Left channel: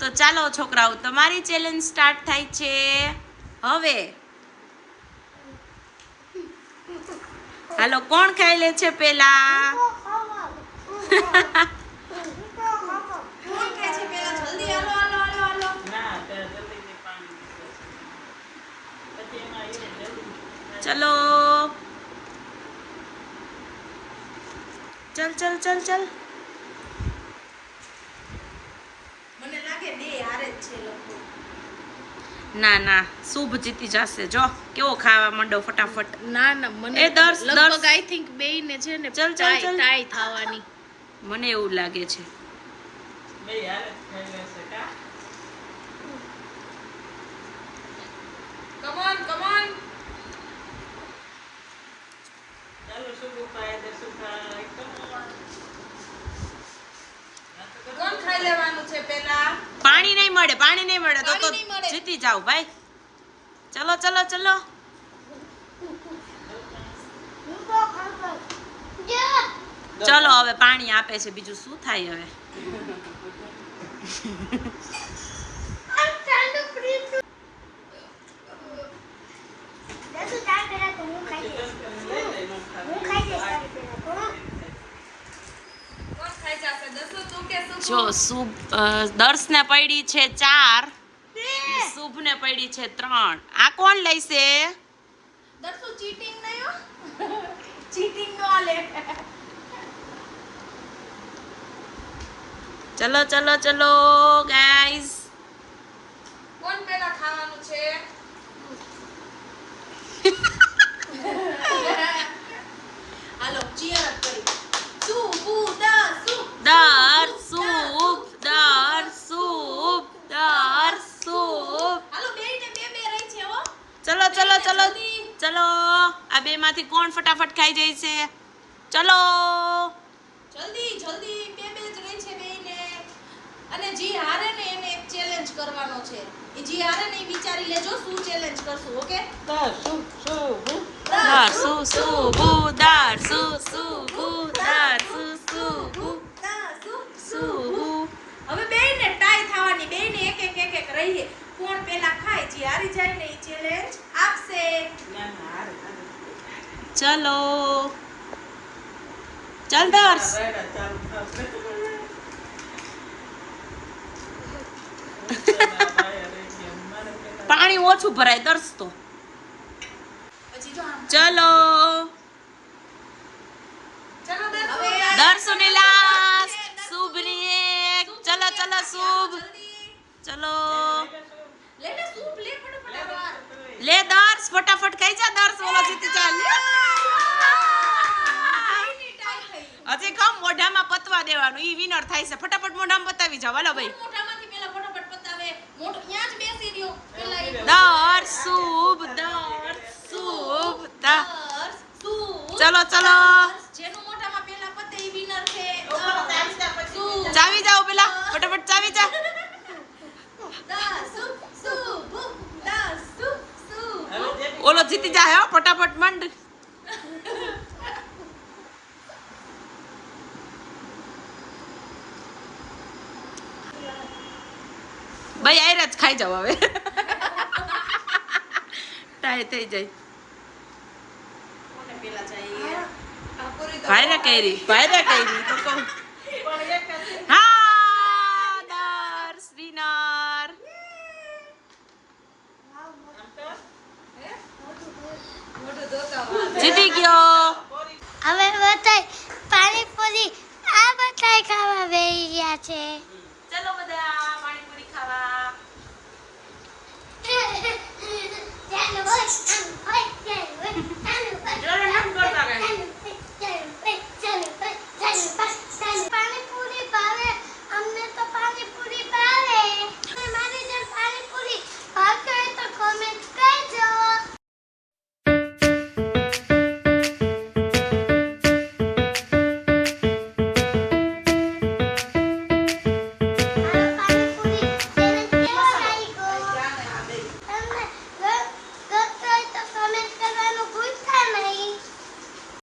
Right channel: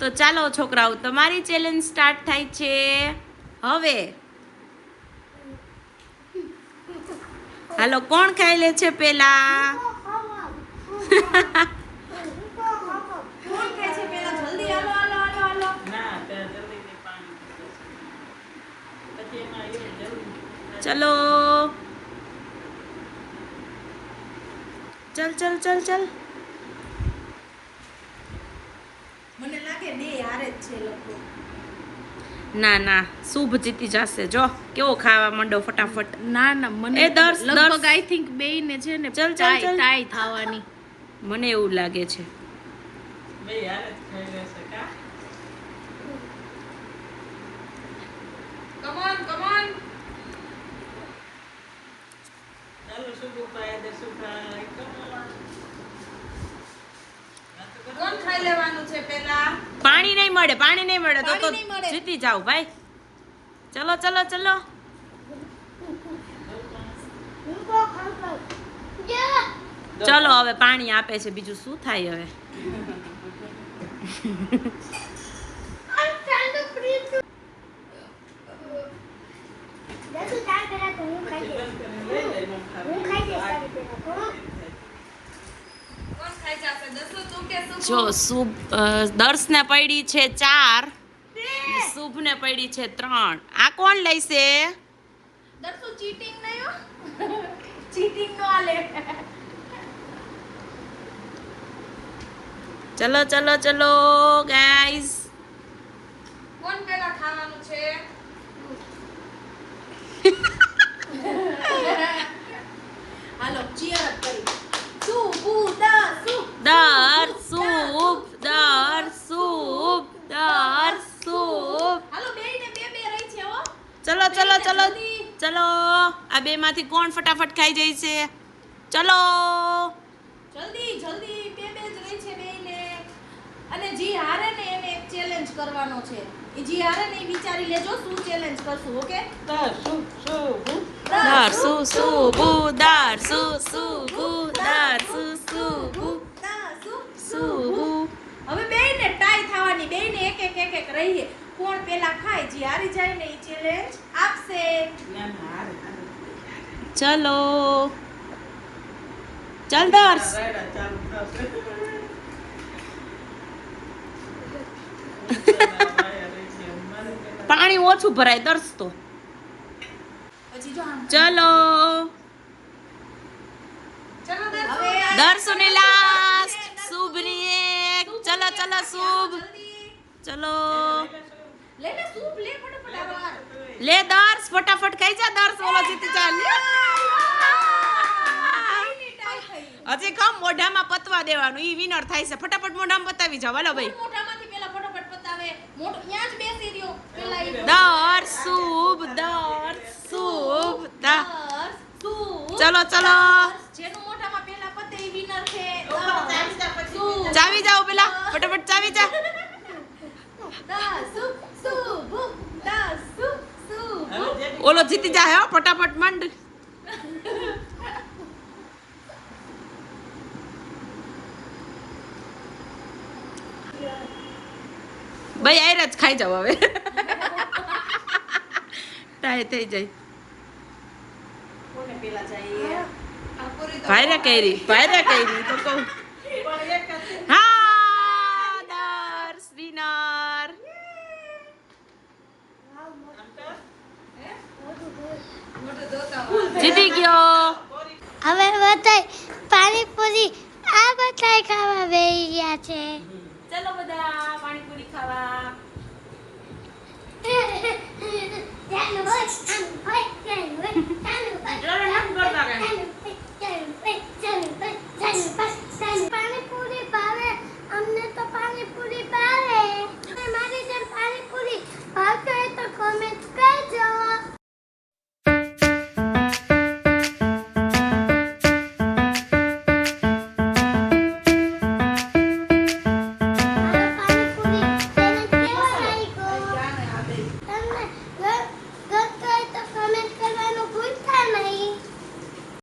તો ચાલો છોકરાઓ, તમારી ચેલેન્જ સ્ટાર્ટ થાય છે હવે. હાલો, કોણ ખાઈ લે છે પેલા? ચલો, ચલ ચલ ચલ ચલ. મને લાગે બે હારે જ છે લોકો. ના ના, શુભ જીતી જશે. જો કેવો ખાવા માંડો ફટાફટ. ના ના, મને એ દર્શ લગભગ આઈ થિંક બેયને છે ને ચલ ચલ ચલ. ટાઈ થવાની. મને એવું લાગે છે. બે હારે જ થઈ લેશે કા. કમ ઓન ચાલો શુભ ખાય દે શુભ કોણ ખાઈ લેવાનું છે પેલા? પાણી નહીં મળે તો જીતી જાવ ભાઈ. ચલો ચલો ચલો. ચલો હવે પાણી આપે છે, બીજું શું થાય હવે. જો શુભ દર્શને પડી છે 4, શુભને પડી છે 3. આ કોણ લઈશે? દર્શુ ચીટિંગ નહી હો. ચીટિંગ નો લે. ચલો ચલો ચલો ગાઈસ. કોણ પેલા ખાવાનું છે? હાલો ચીયર કરી. શુભ. હાલો બેયને બે રહી છે હો. ચલો ચલો ચલો ચલો. આ બે માંથી કોણ ફટાફટ ખાઈ જાય છે? ચલો જલ્દી જલ્દી બે જ રહી છે બેયને. અને જી હારે ને એને એક ચેલેન્જ કરવાનો છે. એ જી હારે ને વિચારી લેજો શું ચેલેન્જ કરશું. ઓકે? દારસુ શુભુ. હવે બેયને ટાઈ થવાની. બેયને એક રહી. કોણ પેલા ખાય જી હારી જાય ને એ ચેલેન્જ આપશે. ચલો ચલ દર્શ. પાણી ઓછું ભરાય દર્શ તો. ચલો દર્શુની લાસ્ટ, શુભની એક. ચલો ચલો શુભ. ચલો લે દર્શ, ફટાફટ ખાઈ જા દર્શ, ઓલો જીતી જા. હજી કમ મોઢામાં પતવા દેવાનું, ઈ વિનર થાય છે. ફટાફટ મોઢામાં પતાવી જાવ. હાલો ભાઈ. દર્શ શુભ. ચલો ચલો ચાવી જાઓ પેલા, ફટાફટ ચાવી જા. ઓલો જીતી જાય હો, ફટાફટ મંડ. ભાઈ આયરા જ ખાઈ જાવ હવે. ટાઈ થઈ જાય. ભાઈરા કઈરી તો કહું. હા દર્શ વિનર. જીતી ગયો.